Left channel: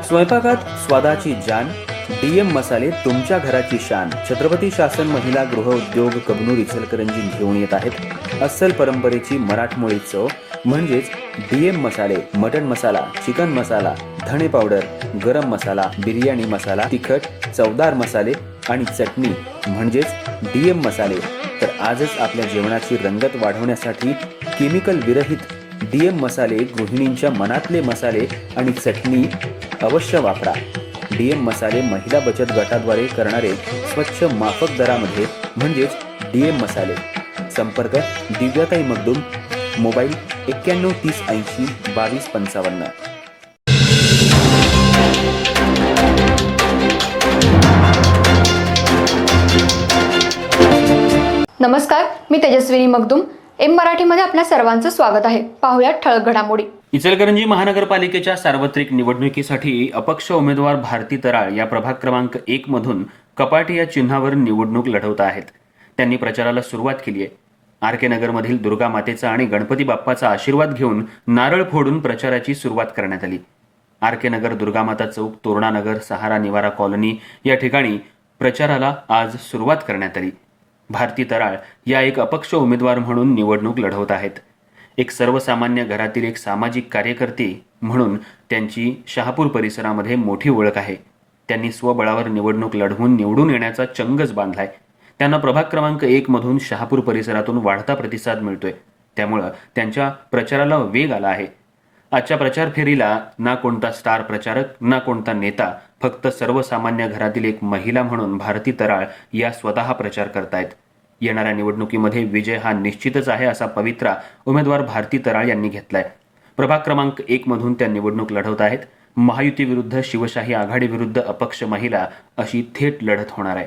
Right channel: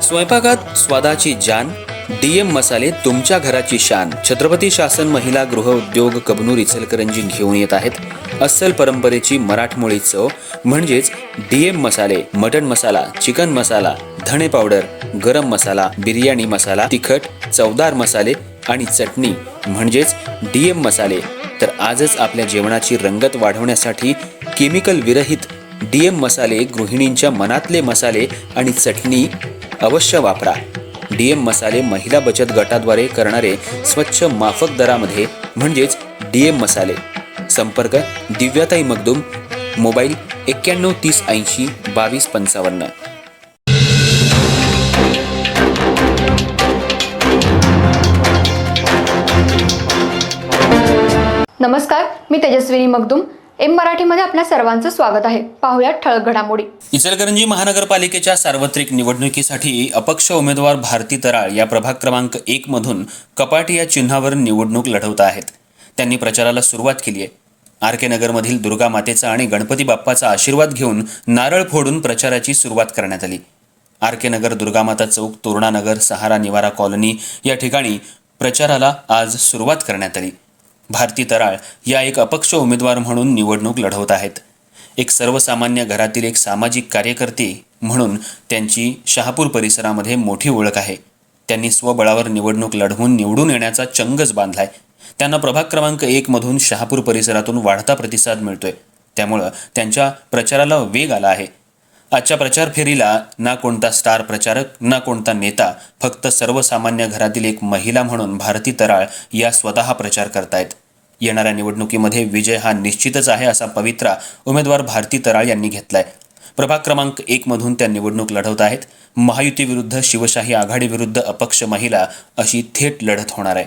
स्वयंपाकात स्वादाची जान, डीएम मसाले तुमच्या घराची शान. छत्रपती शासन महिला गृह उद्योग कबनूर इचलकरंजी घेऊन येत आहेत अस्सल परंपरेची मराठमोळी चव म्हणजेच डीएम मसाले. मटन मसाला, चिकन मसाला, धणे पावडर, गरम मसाला, बिर्याणी मसाला, तिखट चवदार मसाले आणि चटणी म्हणजेच डीएम मसाले. तर आजच आपल्या जेवणाची रंगत वाढवण्यासाठी केमिकल विरहित डीएम मसाले, गृहिणींच्या मनातले मसाले आणि चटणी अवश्य वापरा. डीएम मसाले महिला बचत गटाद्वारे करणारे स्वच्छ माफक दरामध्ये म्हणजेच डीएम मसाले. संपर्क दिव्याताई मगदूम, मोबाईल 91 30 80 22 55. नमस्कार, मी तेजस्विनी मगदूम. एम मराठीमध्ये आपल्या सर्वांचं स्वागत आहे. पाहूयात ठळक घडामोडी. इचलकरंजी महानगरपालिकेच्या सार्वत्रिक निवडणुकीसाठी अपक्ष उमेदवार भारती तराळ या प्रभाग क्रमांक 1 मधून कपाटी या चिन्हावर निवडणूक लढवत आहेत. त्यांनी प्रचाराला सुरुवात केली आहे. आर.के. नगरमधील दुर्गा मातेचा आणि गणपती बाप्पाचा आशीर्वाद घेऊन नारळ फोडून प्रचाराची सुरुवात करण्यात आली. आर.के. नगर, दुर्गामाता चौक, तोरणानगर, सहारा निवारा कॉलनी या ठिकाणी प्रचाराला आज सुरुवात करण्यात आली. भारती तराळ या एक अपक्ष उमेदवार म्हणून निवडणूक लढवत आहेत. एक सर्वसामान्य घरातील एक सामाजिक कार्यकर्ते म्हणून त्यांची शहापूर परिसरामध्ये मोठी ओळख आहे. त्यांनी स्वबळावर निवडणूक लढवून निवडून येण्याचा चंगच बांधलाय. त्यांना प्रभाग क्रमांक 1 मधून शहापूर परिसरातून वाढता प्रतिसाद मिळतोय. त्यामुळं त्यांच्या प्रचाराला वेग आला आहे. आजच्या प्रचार फेरीला ना कोणता स्टार प्रचारक, ना कोणता नेता, फक्त सर्वसामान्य घरातील एक महिला म्हणून भारती तराळ या स्वतः प्रचार करतायत. येणाऱ्या निवडणुकीमध्ये विजय हा निश्चितच आहे असा पवित्रा उमेदवार भारती तराळ यांनी घेतलाय. प्रभाग क्रमांक 1 मधून त्या निवडणूक लढवत आहेत. महायुती विरुद्ध शिवशाही आघाडी विरुद्ध अपक्ष महिला अशी थेट लढत होणार आहे.